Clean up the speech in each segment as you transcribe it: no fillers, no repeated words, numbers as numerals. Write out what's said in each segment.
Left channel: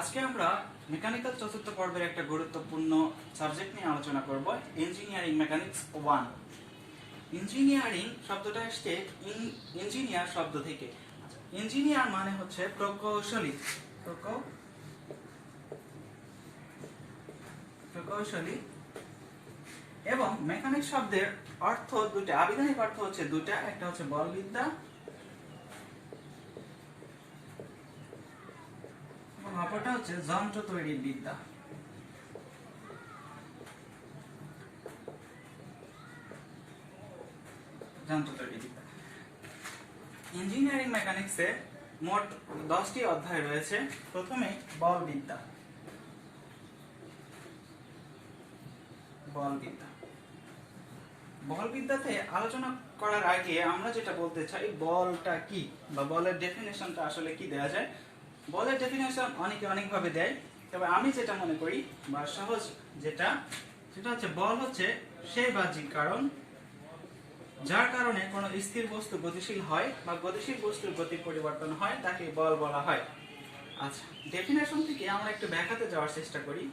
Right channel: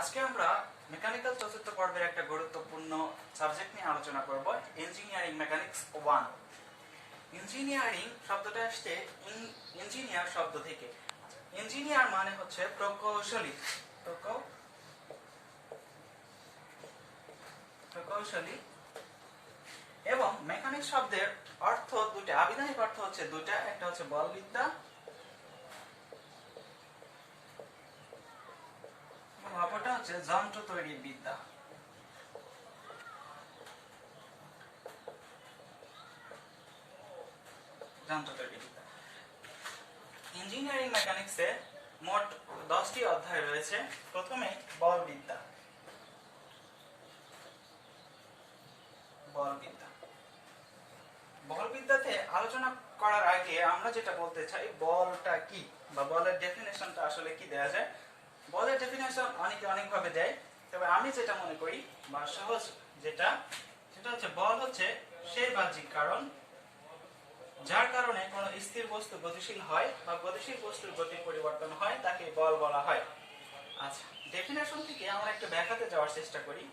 আজকে আমরা মেকানিক্যাল চতুর্থ পর্বের একটা গুরুত্বপূর্ণ সাবজেক্ট নিয়ে আলোচনা করব, ইঞ্জিনিয়ারিং মেকানিক্স 1। ইঞ্জিনিয়ারিং শব্দটা আসছে ইঞ্জিনিয়ার শব্দ থেকে। ইঞ্জিনিয়ার মানে হচ্ছে প্রকৌশলী। এবং মেকানিক্স শব্দের অর্থ দুটো, আবিধানিক অর্থ হচ্ছে দুটো, একটা হচ্ছে বলবিদ্যা, অপরটা হচ্ছে যন্ত্র তৈরির বিদ্যা। ইঞ্জিনিয়ারিং মেকানিক্সে মোট 10টি অধ্যায় রয়েছে। প্রথমে বলবিদ্যা। বলবিদ্যাতে আলোচনা করার আগে আমরা যেটা বলতে চাই, বলটা কি বা বলের ডেফিনেশনটা আসলে কি দেয়া যায়। বলের ডেফিনেশন অনেকে অনেকভাবে দেয়, তবে আমি যেটা মনে করি বা সহজ যেটা, সেটা হচ্ছে বল হচ্ছে সেই বাহ্যিক কারণ যার কারণে কোনো স্থির বস্তু গতিশীল হয় বা গতিশীল বস্তুর গতির পরিবর্তন হয়, তাকে বল বলা হয়। আচ্ছা, ডেফিনেশন থেকে আমরা একটু ব্যাখ্যাতে যাওয়ার চেষ্টা করি।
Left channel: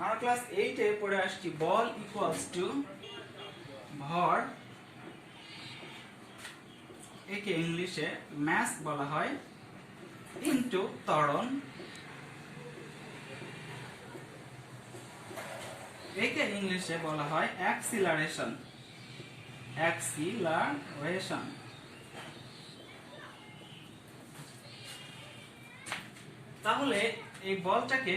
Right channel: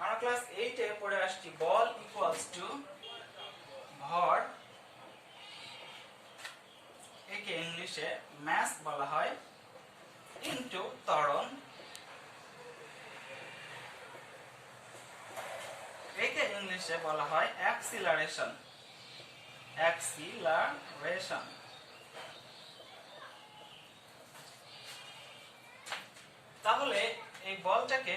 আমরা ক্লাস 8 এ পড়ে আসছি বল ইকুয়ালস টু ভর, একে ইংলিশে ম্যাস বলা হয়, ইনটু ত্বরণ, একে ইংলিশে বলা হয় অ্যাক্সিলারেশন। তাহলে এই বলটাকে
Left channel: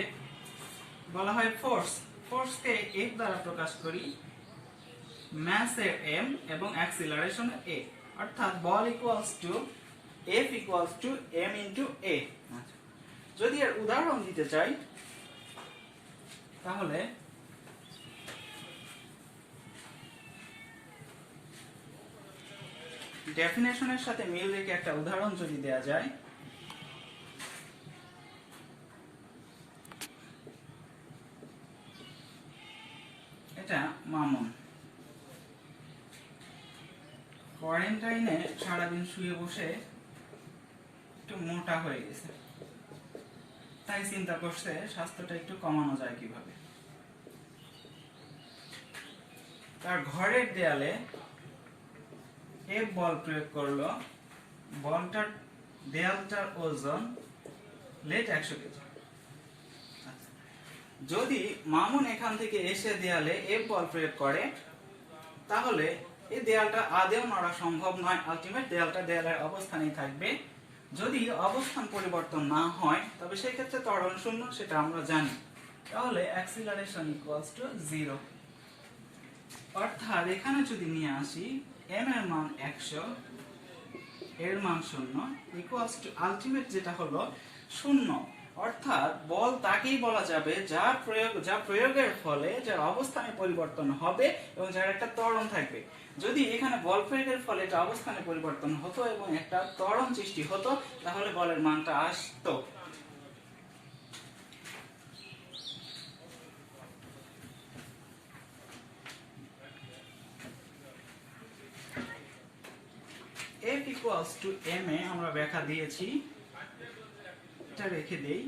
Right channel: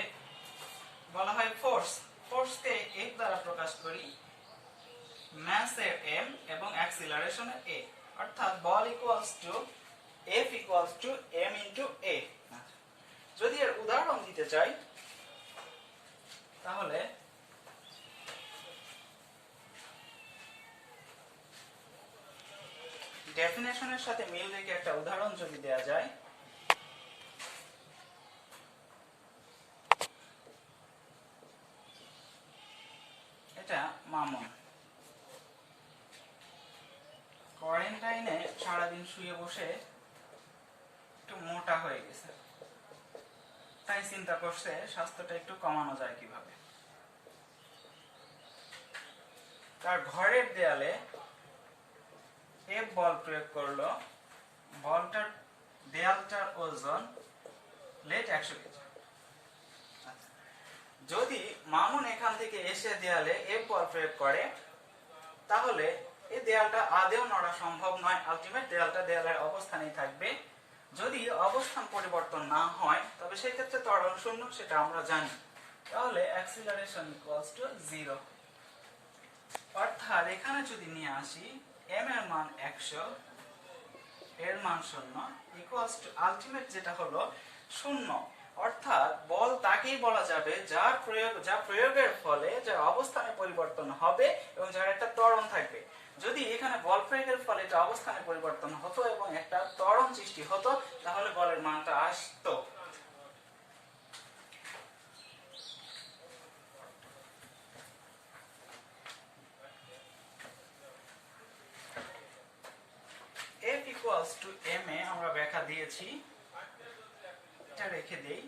বলা হয় ফোর্স। ফোর্সকে এফ দ্বারা প্রকাশ করি, ম্যাসের এম এবং অ্যাক্সিলারেশনের এ, অর্থাৎ বল equals to F equals to M into A. যদি এর উদাহরণ দিতে চাই, তাহলে ডেফিনেশনের সাথে মিল রেখে একটা উদাহরণ যদি দেয়া যায়, এটা মামুন কোয়ারেন্টাইনে সারাদিন শুয়ে বসে একটু মোটা হয়ে গেছে, তাই চিন্তা করছে স্বাস্থ্যটা একটু কমানো যায় কিভাবে। তার ঘরের দেয়ালে এফ বল প্রয়োগ করলো, বলটার দেয়ালটার ওজন লেট 100 কেজি। যদি মামুন এখান থেকে এসে দেয়ালে এফ বল প্রয়োগ করে, তাহলে এই দেয়ালটা আদেও নড়া সম্ভব নয়, আলটিমেট দেয়ালটা দেয়ালের অবস্থানেই থাকবে। যদি অবস্থান পরিবর্তন না হয়, তবে সেই ক্ষেত্রে ত্বরণ শূন্য, সেটা আমরা জানি। তাহলে অ্যাক্সিলারেশন ইকুয়ালস টু 0। অর্থাৎ এখানে যদি নিয়ে আসি, এম এর মান 100, এর মান 0, ইকুয়ালস টু আলটিমেট যেটা হলো 0। অর্থাৎ বল তাকেই বলা যাবে যা প্রয়োগের ফলে যার অবস্থানে পরিবর্তন হবে এবং যার একটা ত্বরণ থাকবে। যদি এখানে বল প্রয়োগের ফলে এটা অবস্থানে পরিবর্তন হতো এবং একটা ত্বরণ সৃষ্টি হতো, তাহলে বলের মানটা আসতো। F equals to m এ আমরা ব্যাখ্যা দিয়েছি, এটা রেখে দেই।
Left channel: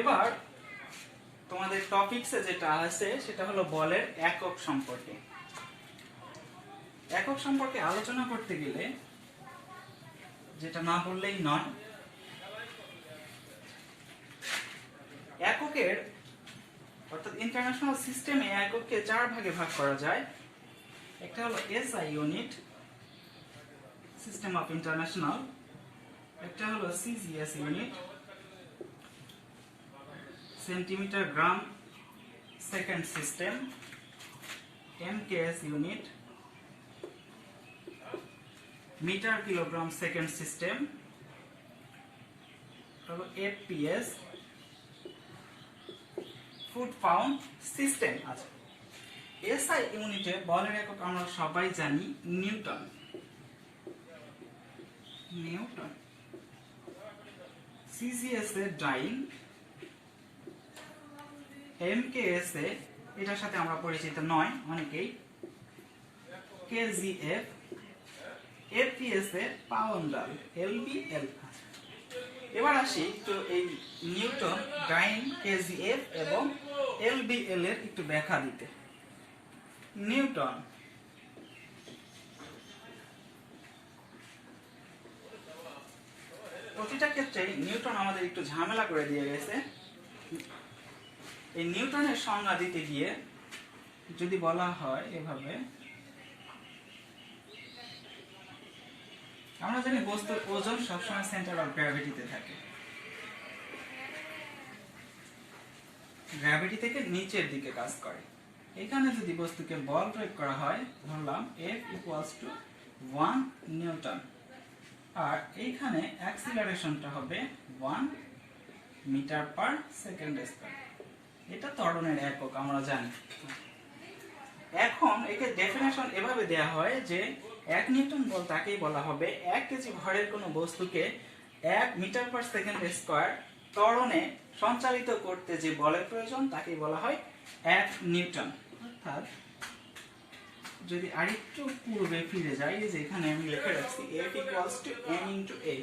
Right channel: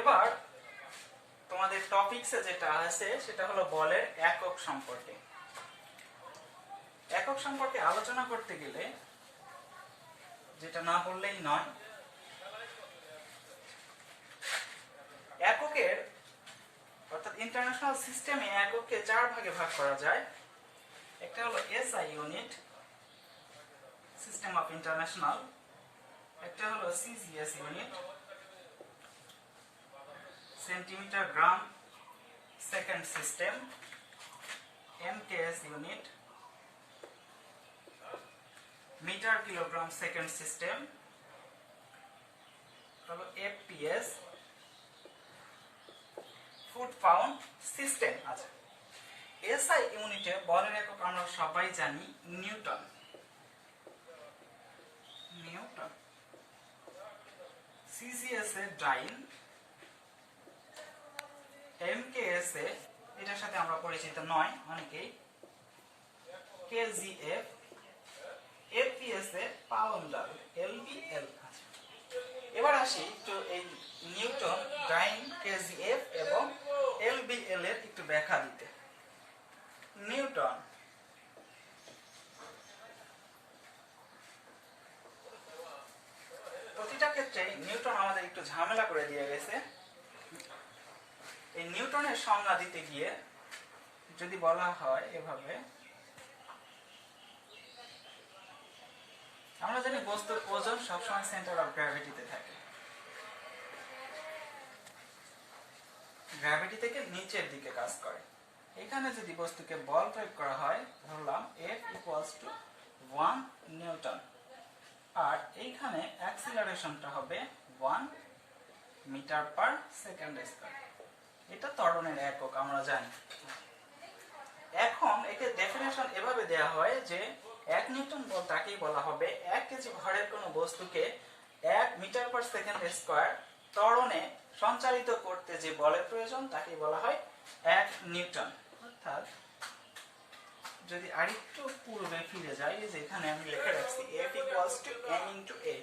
এবার তোমাদের টপিকসে যেটা আছে সেটা হলো বলের একক সম্পর্কে। একক সম্পর্কে আলোচনা করতে গেলে যেটা না বললেই নয়, এককের অর্থাৎ ইন্টারন্যাশনাল সিস্টেমে একককে 4 ভাগে ভাগ করা যায়। একটা হলো SI unit, system of international. একটা হলো CGS unit, centimetre gram second system. MKS unit, metre kilogram second system. তারপর এফপিএস, ফুট পাউন্ড সিস্টেম। আচ্ছা, এসআই ইউনিটে বলের একক আমরা সবাই জানি নিউটন। সিজিএস এ ডাইন, এমকেএস এ এটার সাথে আমরা পরিচিত নয় অনেকেই, কেজিএফ, এফপিএস এ পাউন্ডাল, এলবিএল। এবার আসি একটু এই নিউটন, ডাইন, কেজিএফ এবং এলবিএল এর একটু ব্যাখ্যা দিতে। নিউটন, প্রতিটা ক্ষেত্রে নিউটন আমাদের একটু ঝামেলা করে দিয়ে গেছে। এই নিউটনের সংজ্ঞা দিতে গিয়ে যদি বলা হয় এভাবে, আমরা জানি বস্তুর ওজন সবসময় সেন্টার অফ গ্র্যাভিটিতে থাকে, গ্র্যাভিটি থেকে নিচের দিকে কাজ করে। এখানে যদি বস্তুকে বল প্রয়োগ করা হয়, ধরলাম F ইকুয়ালস টু 1 নিউটন, আর এইখানে অ্যাক্সিলারেশনটা হবে 1 মিটার পার সেকেন্ড স্কয়ার। এটা ত্বরণের একক আমরা জানি। এখন একে ডেফিনেশন এভাবে দেয়া হয় যে 1 নিউটন বল তাকেই বলা হবে 1 কেজি ভরের কোনো বস্তুকে 1 মিটার পার সেকেন্ড স্কয়ার ত্বরণে সঞ্চালিত করতে যে বলের প্রয়োজন তাকেই বলা হয় 1 নিউটন। অর্থাৎ যদি আরেকটু পূর্বে ফিরে যাই, যে এখানে আমি লিখে রাখছি F equals to m into a,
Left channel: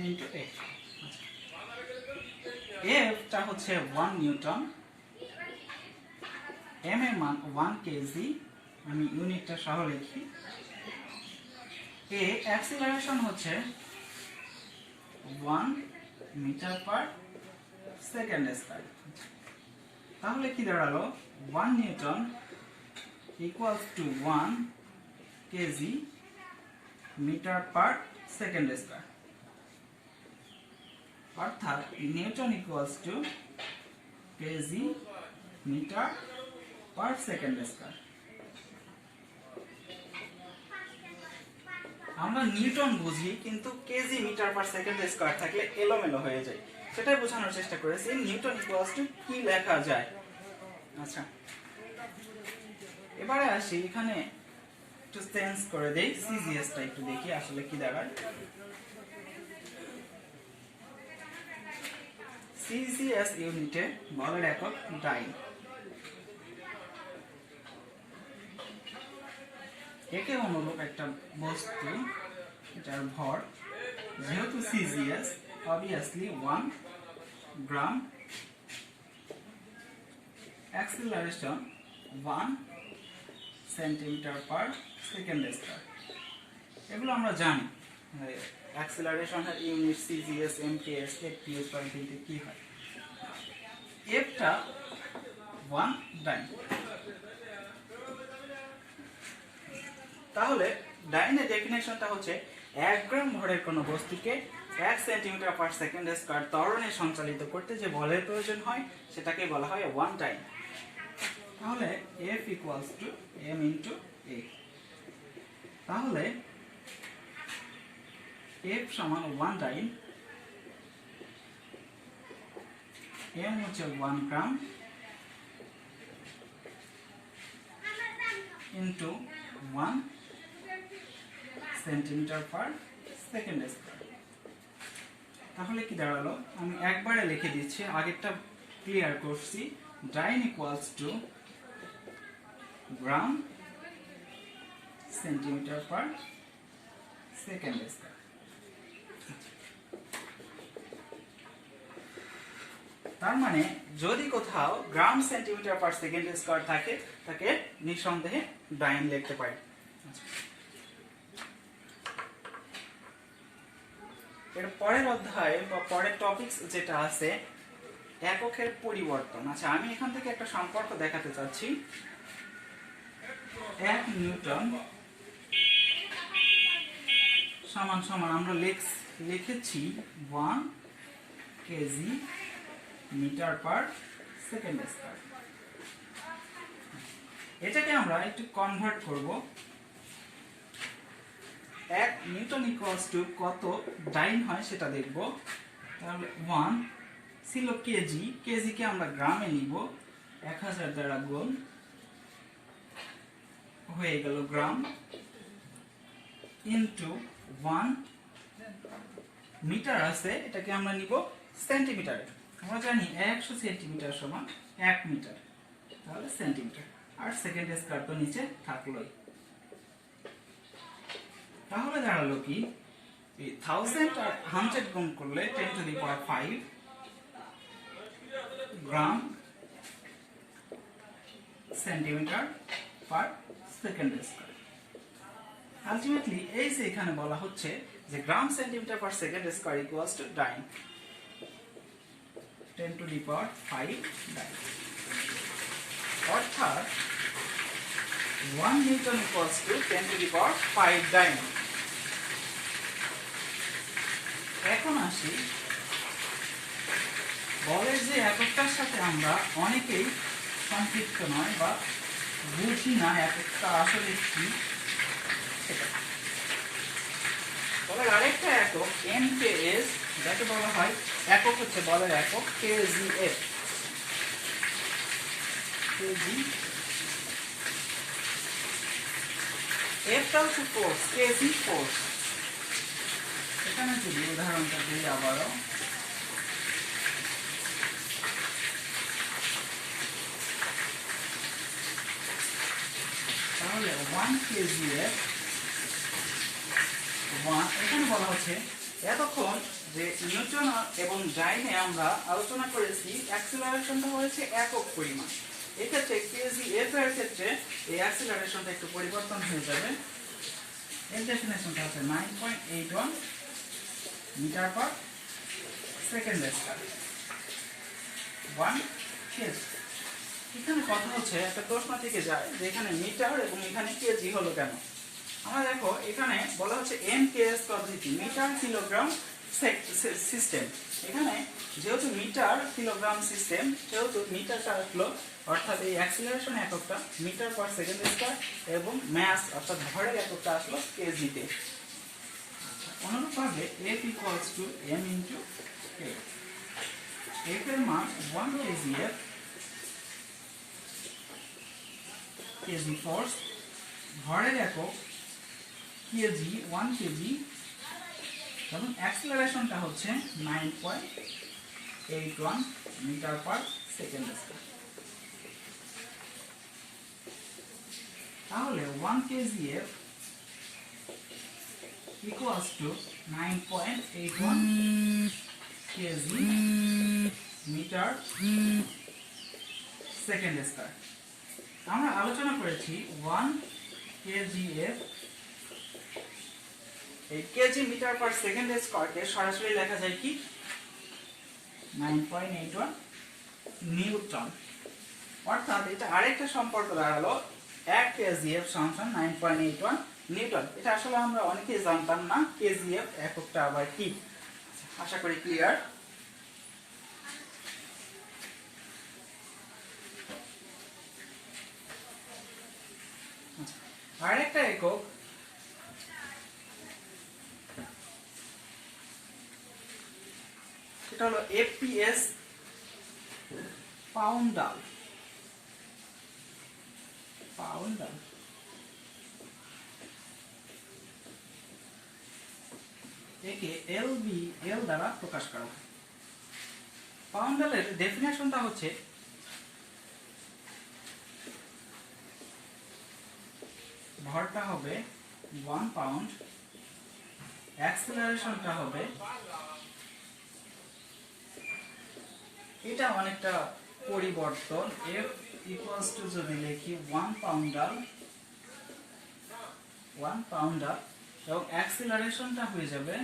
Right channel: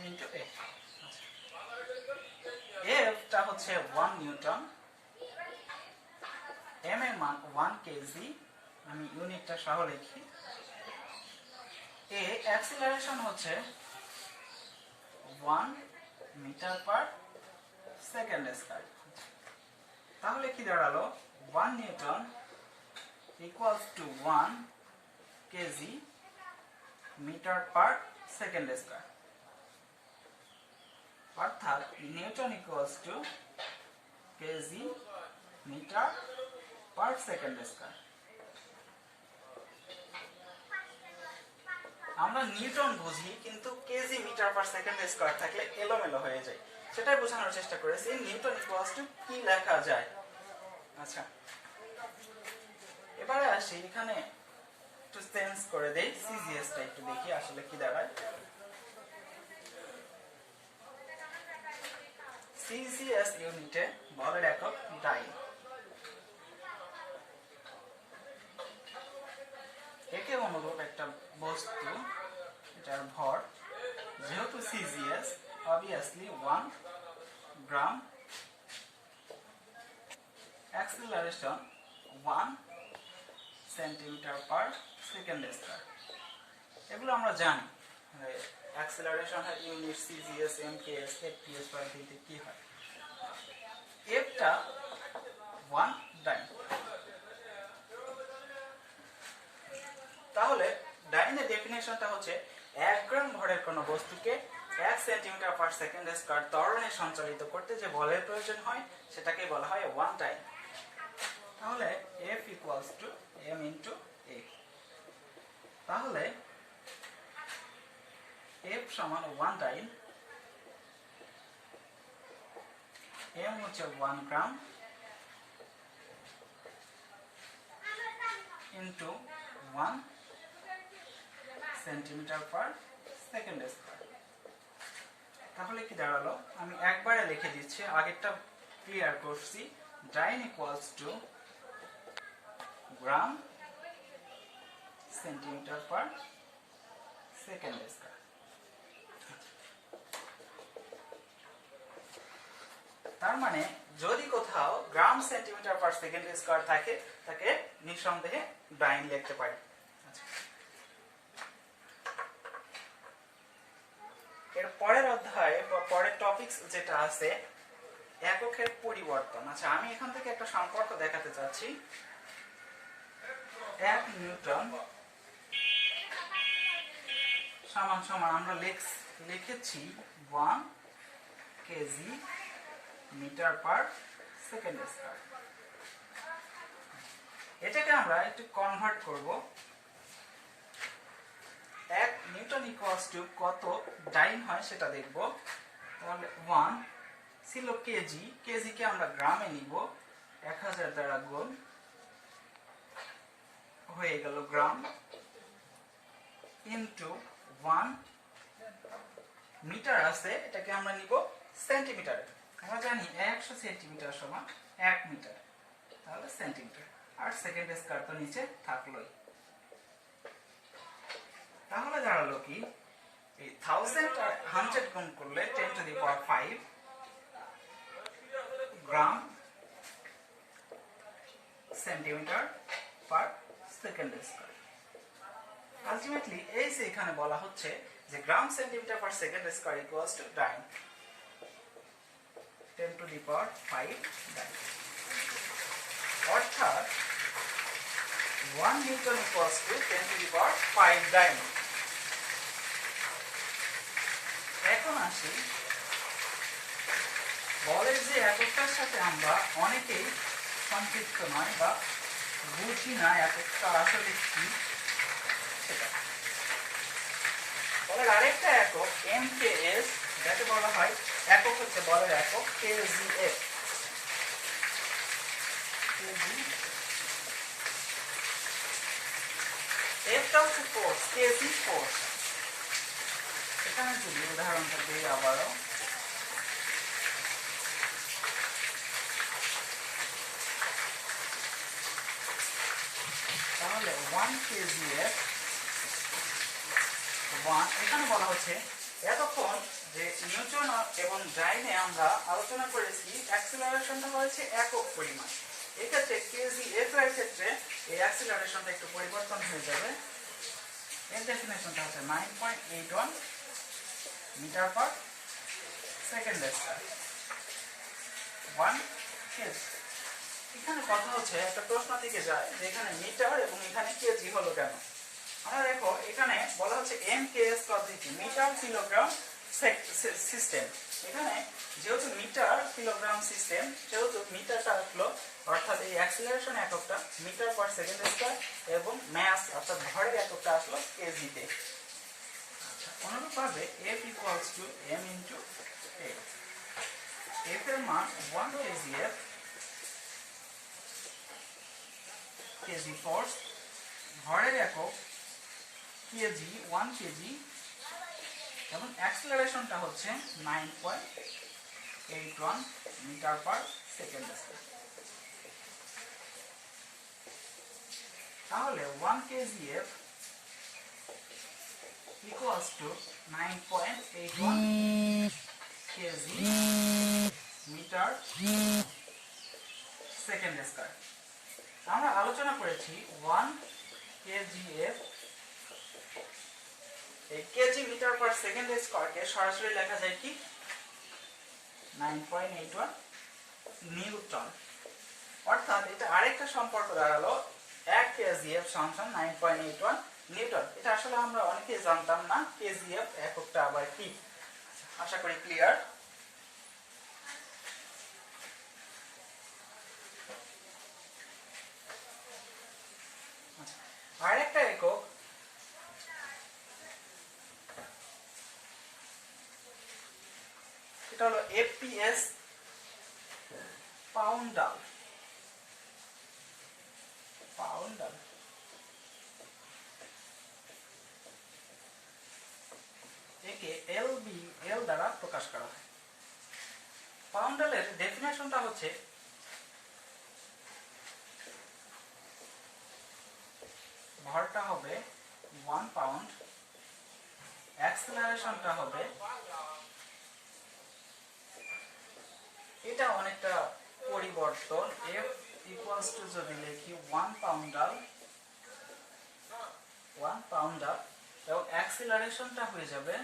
m into a। F টা হচ্ছে 1 নিউটন, m এর মান 1 কেজি, আমি ইউনিটটা সহ লিখি। a অ্যাক্সিলারেশন হচ্ছে 1 মিটার পার সেকেন্ড স্কয়ার। তাহলে কি দাঁড়ালো, 1 Newton equals to 1 kg metre per second square. অর্থাৎ Newton equals to kg metre per second square. আমরা নিউটন বুঝি, কিন্তু kg metre per second square থাকলে এলোমেলো হয়ে যায়, সেটাই বোঝানোর চেষ্টা করেছি। নিউটন ইকুয়ালস টু কি লেখা যায়। আচ্ছা, এবারে আসি এখানে একটু চেঞ্জ করে দেই, সিজিএস টা একটু দেখি আসলে কি দাঁড়ায়। সিজিএস ইউনিটে বলের একক ডাইন। একে অনুরূপ একটা বস্তু যার ভর, যেহেতু CGS obviously 1 gram, acceleration 1 centimetre per second square. এগুলো আমরা জানি, acceleration unit CGS, MKS, FPS পদ্ধতিতে কি হয়। এফটা 1 ডাইন। তাহলে ডাইনের ডেফিনেশনটা হচ্ছে 1 গ্রাম ভরের কোনো বস্তুকে 1 সেন্টিমিটার পার সেকেন্ড স্কয়ার ত্বরণে সঞ্চালিত করতে যে বলের প্রয়োজন হয় সেটাকে বলা হয় 1 ডাইন। তাহলে F equals to m into a। তাহলে F সমান 1 ডাইন, m হচ্ছে 1 gram into 1 centimetre per second square. তাহলে কি দাঁড়ালো, আমি একবারে লিখে দিচ্ছি, আগেরটা ক্লিয়ার করছি। Dyne equals to gram centimetre per second square. তার মানে যদি কোথাও gram centimetre per second square থাকে, তাকে নিঃসন্দেহে ডাইন লিখতে পারি। এর পরের অধ্যায়ে বা পরের টপিকস যেটা আছে, এককের পরিবর্তন। আচ্ছা, আমি এখান থেকে একটা সম্পর্ক দেখাতে চাচ্ছি। 1 নিউটন সমান সমান আমরা লিখেছি 1 kg metre per second square. এটাকে আমরা একটু কনভার্ট করব। 1 নিউটন ইকুয়ালস টু কত ডাইন হয় সেটা দেখব। তাহলে 1 ছিল কেজি, কেজিকে আমরা গ্রামে নিব, 1000 দ্বারা গুণ হয়ে গেল গ্রাম, ইনটু 1 মিটার আছে, এটাকে আমরা নিব সেন্টিমিটারে। আমরা জানি 100 সেন্টিমিটার সমান 1 মিটার, তাহলে সেন্টিমিটার, আর সেকেন্ড স্কয়ার তো নিচে থাকলোই। তাহলে দাঁড়ালো কি, এই 1000 আর 100 গুণ করলে 10 to the power 5 gram centimetre per second square. Ultimately এই যে এখানে বলা হচ্ছে যে gram centimetre per second square equals to dyne 10 to the power 5 dyne, অর্থাৎ 1 Newton equals to 10 to the power 5 dyne. এখন আসি বলের যে এককটার সাথে আমরা অনেকেই সম্পৃক্ত নয় বা বুঝি না এককটা আসলে কি সেটা। বলের আরেকটা একক MKS, যাকে বলা হয় একক হচ্ছে বলের একক KGF। Fটা হচ্ছে ফোর্স, KG ফোর্স। এখানে যদি উদাহরণটা দিই আবারও, তাহলে 1 kgf 1, এখানে বলা হচ্ছে এতক্ষণ যে নিউটন এবং ডাইনে আমরা আলোচনা করেছি অ্যাক্সিলারেশনটা হয়েছে একক পরিমাণ। এই ক্ষেত্রে kgf এর ক্ষেত্রে এই অ্যাক্সিলারেশনটা একটু পরিবর্তন হয়ে যাবে। এর ডেফিনেশনটা হচ্ছে 9.81 metre per second square 1 kg। এখানে কথা হচ্ছে একটা প্রশ্ন থেকে যায় যে এখানে মিটার এবং এখানে কেজি হলো কেন। আমরা দেখো এখানে বলা হচ্ছে MKS পদ্ধতি, মিটার কিলোগ্রাম সিস্টেম। এখানে যেহেতু মিটার কিলোগ্রাম সিস্টেম সেহেতু মিটারটা আসলো, অর্থাৎ এই অ্যাক্সিলারেশন এককটা মিটার পার সেকেন্ড স্কয়ার এবং ম্যাস অর্থাৎ ভরের এককটা আসলো কেজিতে। অনুরূপভাবে F equals to M into A। F এর মান 1 kgf কেজি ফোর্স, ভরের একক কেজি 1 কেজি এবং অ্যাক্সিলারেশনটা হচ্ছে 9.81 মিটার পার সেকেন্ড স্কয়ার। তাহলে 1 kgf equals to 9.81 kg metre second square. আমরা আলোচনা করেছি 1 kgf, এই কেজি মিটার পার সেকেন্ড স্কয়ারকে সরাসরি লেখা যায় কি 9.81 নিউটন। অর্থাৎ এটা আরেকটা সম্পর্ক দাঁড়ালো 1 kgf সমান 9.81 নিউটন। এটা আসলে আমরা অনেকেই জানতাম না kgf এককটা আবার কি। আশা করি ক্লিয়ার। আরেকটা একক সেটা হলো FPS পাউন্ডাল। একে LBL দ্বারা প্রকাশ করা হয়। পাউন্ডালের ডেফিনেশনটা হচ্ছে ভরটা হবে 1 পাউন্ড, অ্যাক্সিলারেশনটা হবে, এটা অনেকটা পরিবর্তন, F ইকুয়ালস টু যদি লিখি 1 পাউন্ডাল এবং অ্যাক্সিলারেশনটা হয়ে যাবে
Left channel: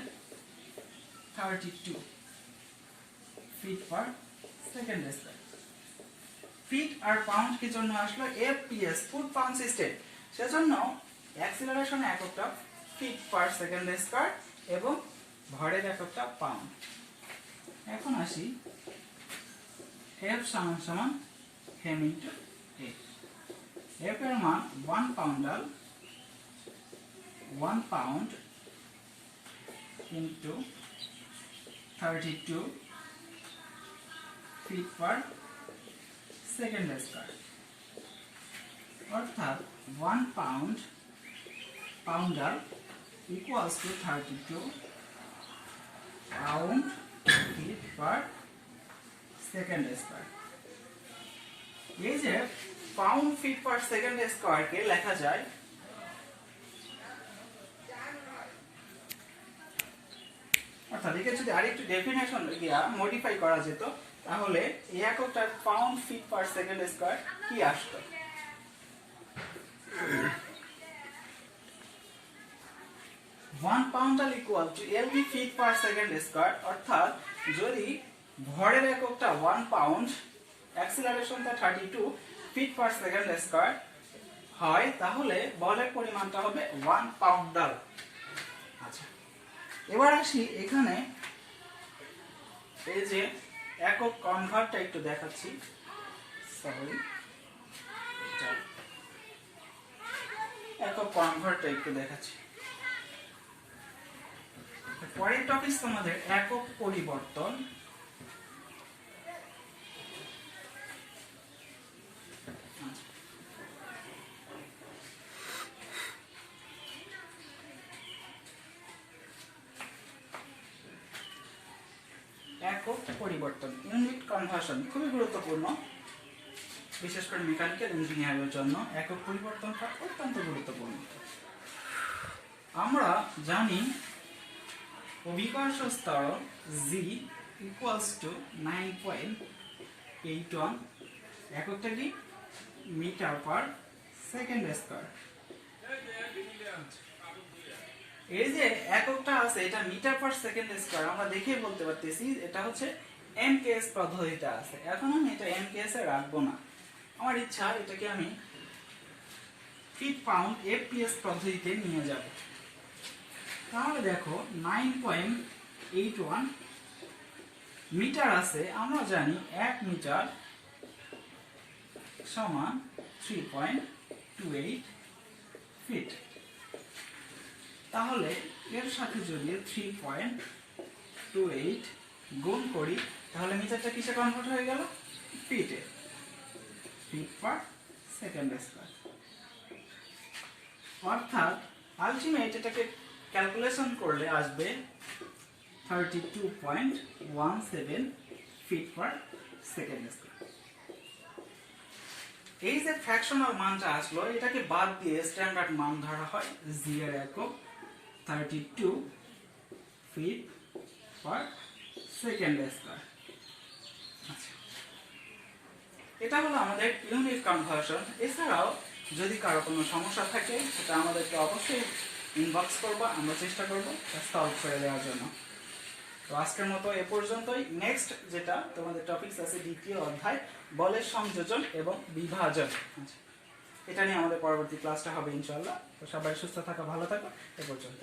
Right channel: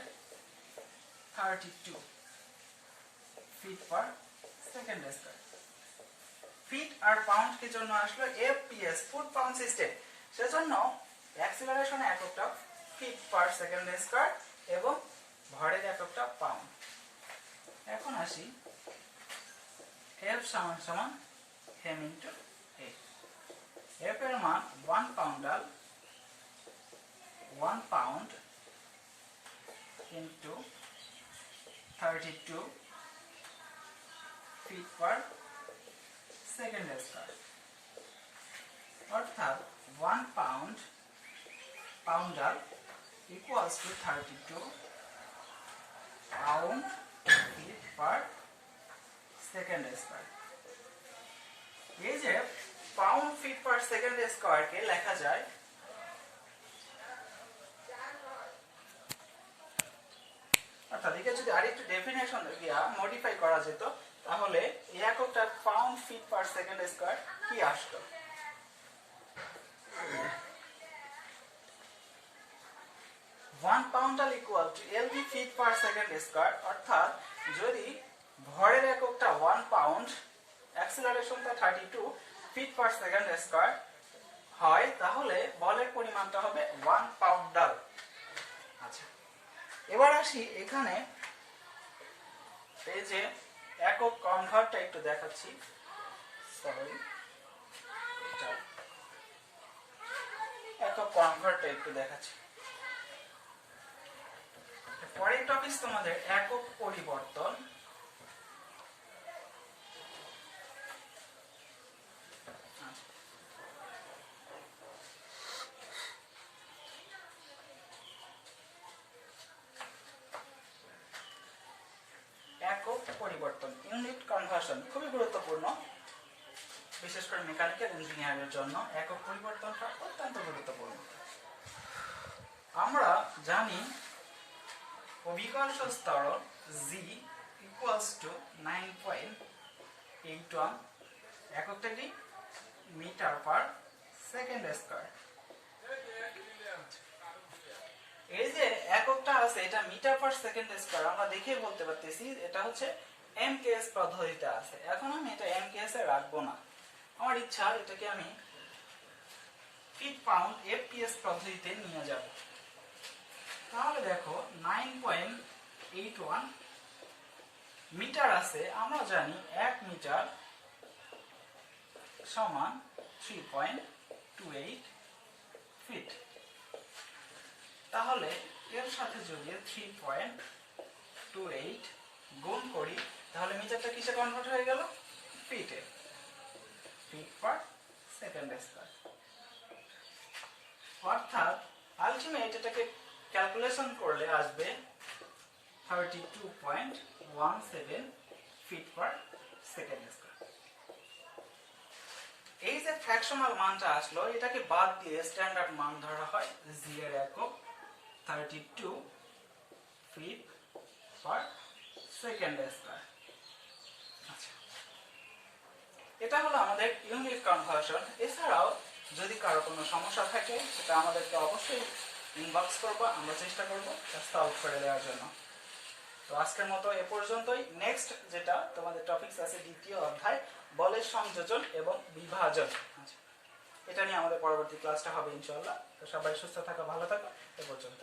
32 feet per second square. Feet আর পাউন্ড কি জন্য আসলো? FPS ফুট পাউন্ড সিস্টেম, সেজন্য অ্যাক্সিলারেশন এককটা ফিট পার সেকেন্ড স্কয়ার এবং ভরের এককটা পাউন্ড। এখন আসি F সমান সমান m ইনটু A। F এর মান 1 pound into 32 feet per second square, অর্থাৎ 1 poundal equals to 32 pound feet per second square. এই যে পাউন্ড ফিট পার সেকেন্ড স্কয়ারকে লেখা যায় অর্থাৎ একে যদি আরেকটু ডেফিনেশন দিয়া মডিফাই করা যেত তাহলে এই এককটার pound feet per second square কি আসতো? 1 poundal equal to LV feet per second square, অর্থাৎ যদি ভরের এককটা 1 পাউন্ড, অ্যাক্সিলারেশনটা 32 ফিট পার সেকেন্ড স্কয়ার হয় তাহলে বলের পরিমাণটা হবে 1 পাউন্ডাল। আচ্ছা, এবার আসি এখানে এই যে একক কনভার্টটা একটু দেখাচ্ছি, সরি একক কনভার্টটা একটু দেখাচ্ছি। পরের টপিক তোমাদের একক পরিবর্তন। একক পরিবর্তন, ইউনিট কনভার্সন খুবই গুরুত্বপূর্ণ, বিশেষ করে মেকানিক্যাল ইঞ্জিনিয়ারের জন্য একক পরিবর্তনটা অত্যন্ত গুরুত্বপূর্ণ। আমরা জানি অভিকর্ষ ত্বরণ G ইকুয়ালস টু 9.81, এককটা কি মিটার পার সেকেন্ড স্কয়ার। এই যে এককটা আছে এটা মিটার পার সেকেন্ড স্কয়ার, আমরা দেখে বলতে পারতেছি এটা হচ্ছে এমকেএস পদ্ধতিতে আছে। এখন আমি এটা এমকেএস এ রাখবো না, আমার ইচ্ছা এটাকে আমি ফিট পাউন্ড এফপিএস পদ্ধতিতে নিয়ে যাব। তাহলে দেখো 9.81 মিটার আছে, আমরা জানি 1 মিটার সমান 3.28 ফিট। তাহলে এর সাথে যদি 3.28 গুণ করি তাহলে মিটারটা কিসে কনভার্ট হয়ে গেল? ফিটে, ফিট পার সেকেন্ড স্কয়ার। অর্থাৎ আলটিমেট এটাকে ক্যালকুলেশন করলে আসবে 32.17 ফিট পার সেকেন্ড স্কয়ার। এই যে ফ্র্যাকশনাল মানটা আসলো এটাকে বাদ দিয়ে স্ট্যান্ডার্ড মান ধরা হয় G এর একক 32 ফিট পার সেকেন্ড স্কয়ার। আচ্ছা, এটা হলো আমাদের ইউনিট কনভার্সন। এছাড়াও যদি কারো কোনো সমস্যা থাকে সেটা আমাদেরকে অবশ্যই ইনবক্স করবো, আমরা চেষ্টা করবো সলভ করে দেওয়ার জন্য। তো আজকের মতো এ পর্যন্তই। নেক্সট যেটা তোমাদের টপিকস আছে দ্বিতীয় অধ্যায় বলের সংযোজন এবং বিভাজন, আচ্ছা এটা নিয়ে আমাদের পরবর্তী ক্লাসটা হবে ইনশাআল্লাহ। তো সবাই সুস্থ থাকো, ভালো থাকো, এ পর্যন্ত।